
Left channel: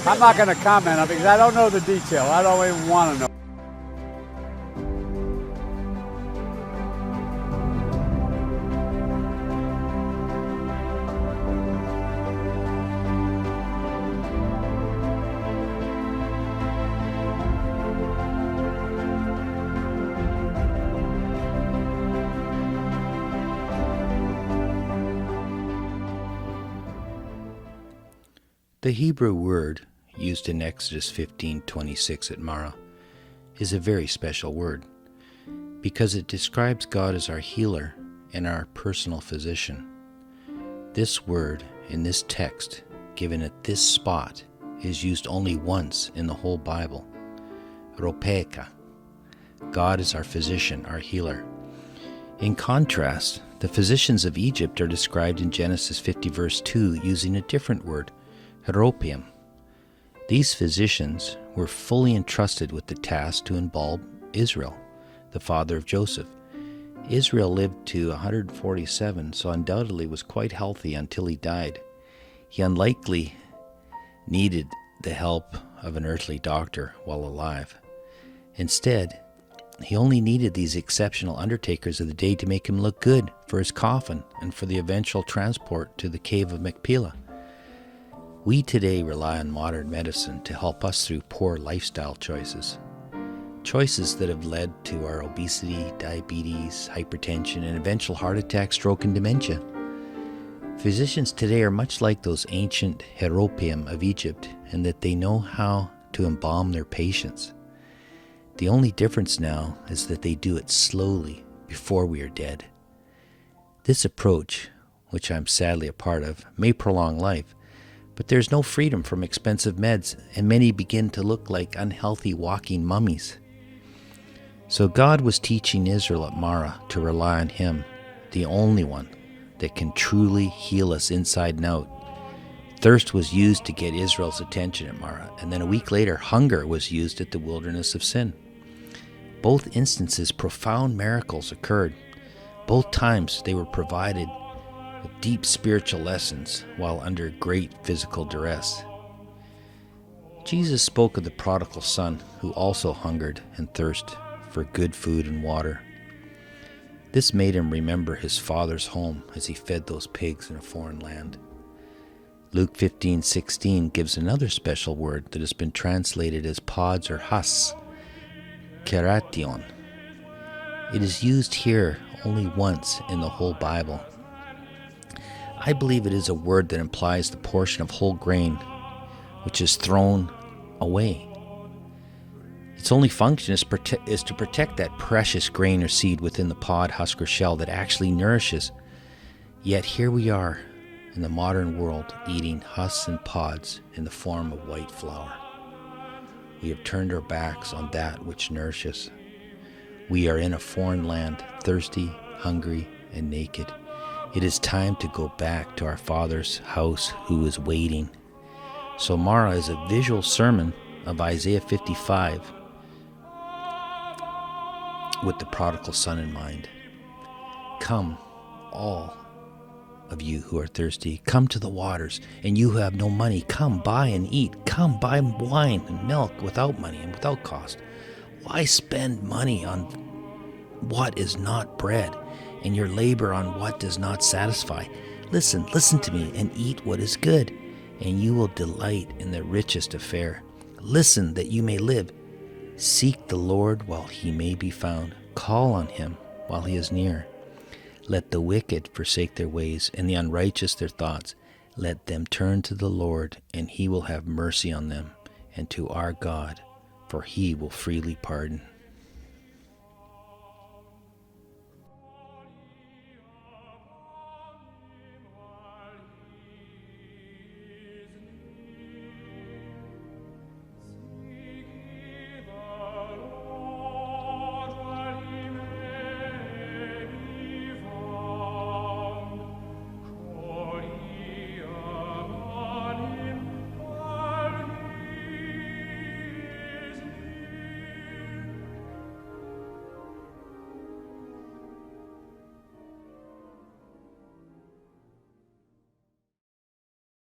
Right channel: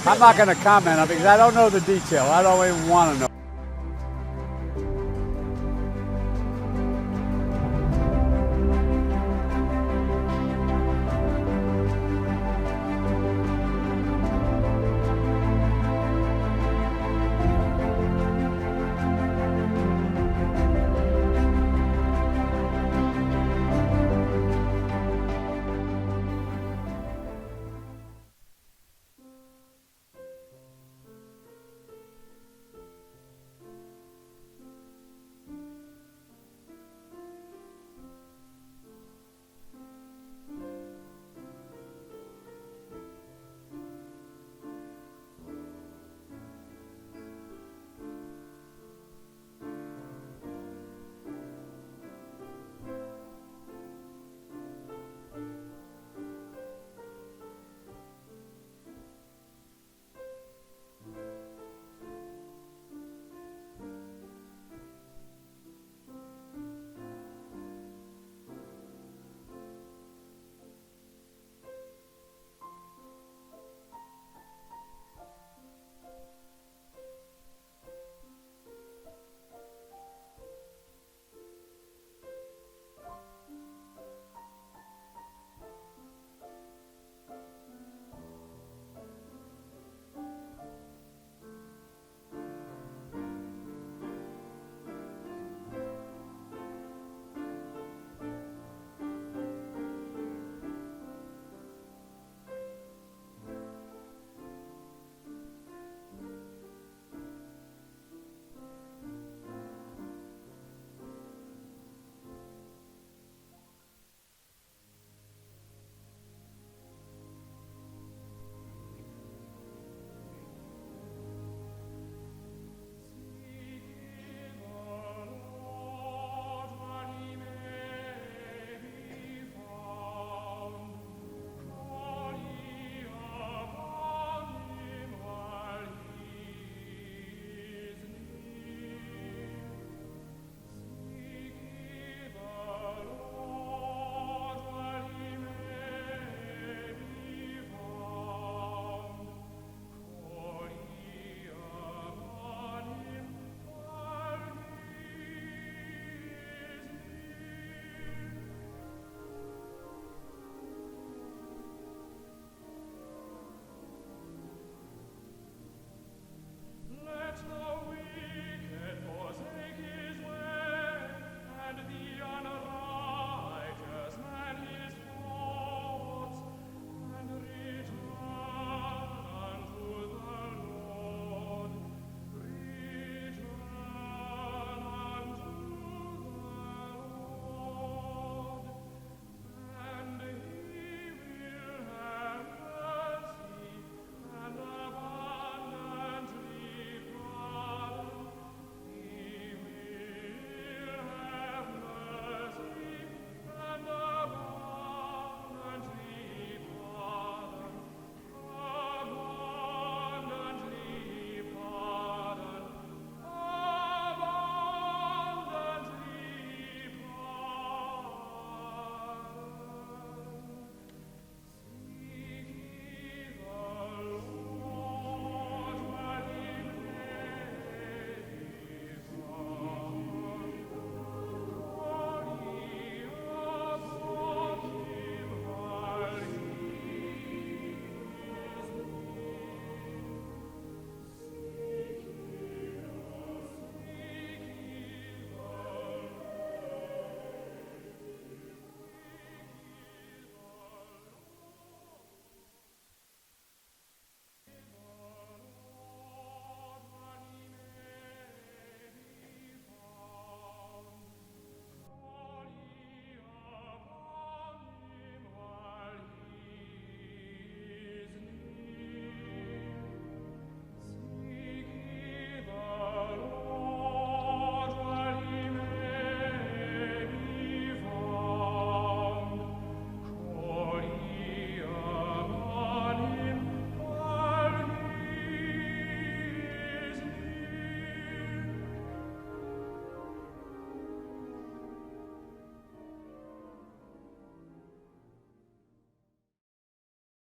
I'm not going to comment on it because I don't know the detail. I don't even want to know. The Hebrew word used in Exodus 15:26 at Marah is a very special word because it describes God as our healer and our personal physician. This word in this text, given at this spot, is used only once in the whole Bible. Ropeka. God is our physician, our healer. In contrast, the physicians of Egypt are described in Genesis 50 verse 2 using a different word, Heropium. These physicians were fully entrusted with the task to embalm Israel, the father of Joseph. Israel lived to 147, so undoubtedly was quite healthy until he died. He unlikely needed the help of an earthly doctor while alive. Instead, he only needed these exceptional undertakers of the day to make him look good for his coffin and for the eventual transport to the cave of Machpelah. We today rely on modern medicine to help us through poor lifestyle choices. Choices that have led to our obesity, diabetes, hypertension, and eventual heart attack, stroke, and dementia. Physicians today are much like those ancient Heropium of Egypt in that they know how to embalm their patients. The only difference now is that they do it slowly before we are dead. This approach, which I'm sadly a part of, may prolong life, but there's no freedom from expensive meds, and many begin to look like unhealthy walking mummies. So God was teaching Israel at Marah to rely on Him, the only one that can truly heal us inside and out. Thirst was used to get Israel's attention at Marah, and then a week later, hunger was used at the wilderness of Sin. Both instances, profound miracles occurred. Both times they were provided deep spiritual lessons while under great physical duress. Jesus spoke of the prodigal son who also hungered and thirsted for good food and water. This made him remember his father's home as he fed those pigs in a foreign land. Luke 15:16 gives another special word that has been translated as pods or husks, keration. It is used here only once in the whole Bible. I believe it is a word that implies the portion of whole grain which is thrown away. Its only function is to protect that precious grain or seed within the pod, husk, or shell that actually nourishes. Yet here we are in the modern world eating husks and pods in the form of white flour. We have turned our backs on that which nourishes. We are in a foreign land, thirsty, hungry, and naked. It is time to go back to our Father's house who is waiting. So Marah is a visual sermon of Isaiah 55 with the prodigal son in mind. Come, all of you who are thirsty, come to the waters, and you who have no money, come buy and eat. Come buy wine and milk without money and without cost. Why spend money on what is not bread? and your labor on what does not satisfy. Listen to me, and eat what is good, and you will delight in the richest of fare. Listen that you may live. Seek the Lord while he may be found. Call on him while he is near. Let the wicked forsake their ways, and the unrighteous their thoughts. Let them turn to the Lord, and he will have mercy on them, and to our God, for he will freely pardon.